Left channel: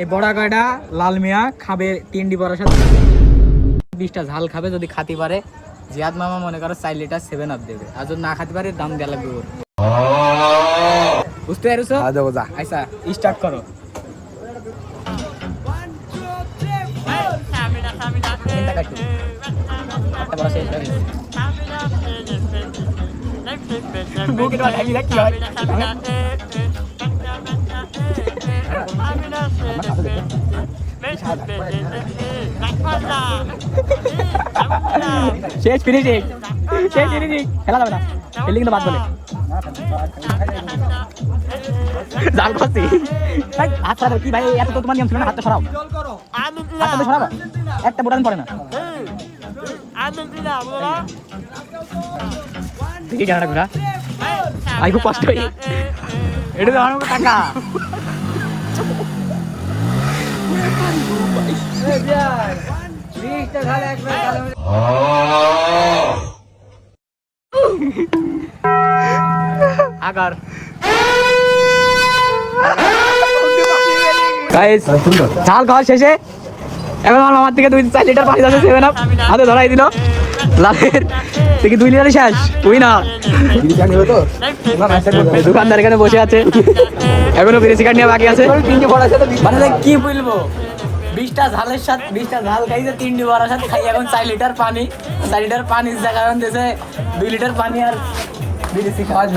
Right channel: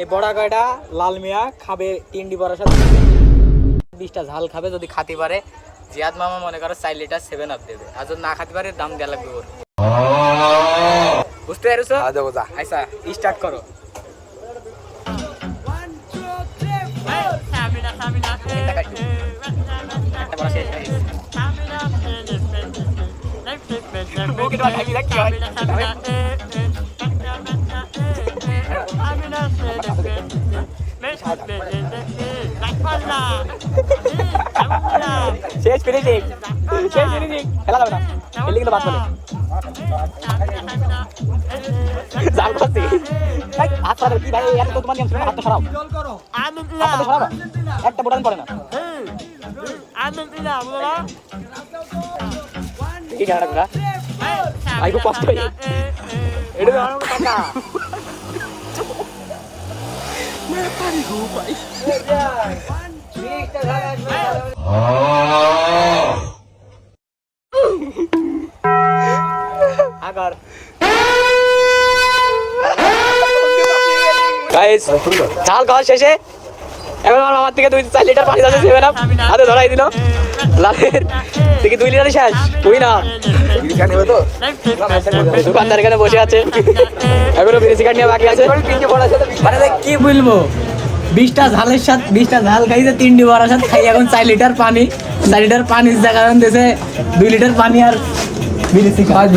এই বড়া কয়টা লাল মিয়া খাবে 3টি বড়ার সাথে 20টা ঝাল খাবে। যদি খাতে পারে জিয়াদ মামা মনে করো 4 লিটার 7 আপ দেবে, আর যদি না খাতে পারে দাম দেওয়া লাগবে ওর। বুঝতে পারছো? আচ্ছা স্টার্ট করো। শেষ ফিনিশিং ঝাল খাওয়া শেষে এখন আমার থেকে 2-4 লিটার পানি যাবে না, হাতে ধরাই দিল তুই কি 2 লিটারই শেষ হবি না? দোকানদার এখানে বসে আছে, এখনো বিদেশি কাঠ নিয়ে বাকি আছে। কি বলবো, 20টা ঝালের সাথে 20টা ঝাল খাইছে, 3টি বড়ার সাথে খাই এখন 4 লিটার পানি। 4 লিটার পানির জায়গা এখন দিয়েছে 2 লিটার পানি আর বিদেশি কাঠ।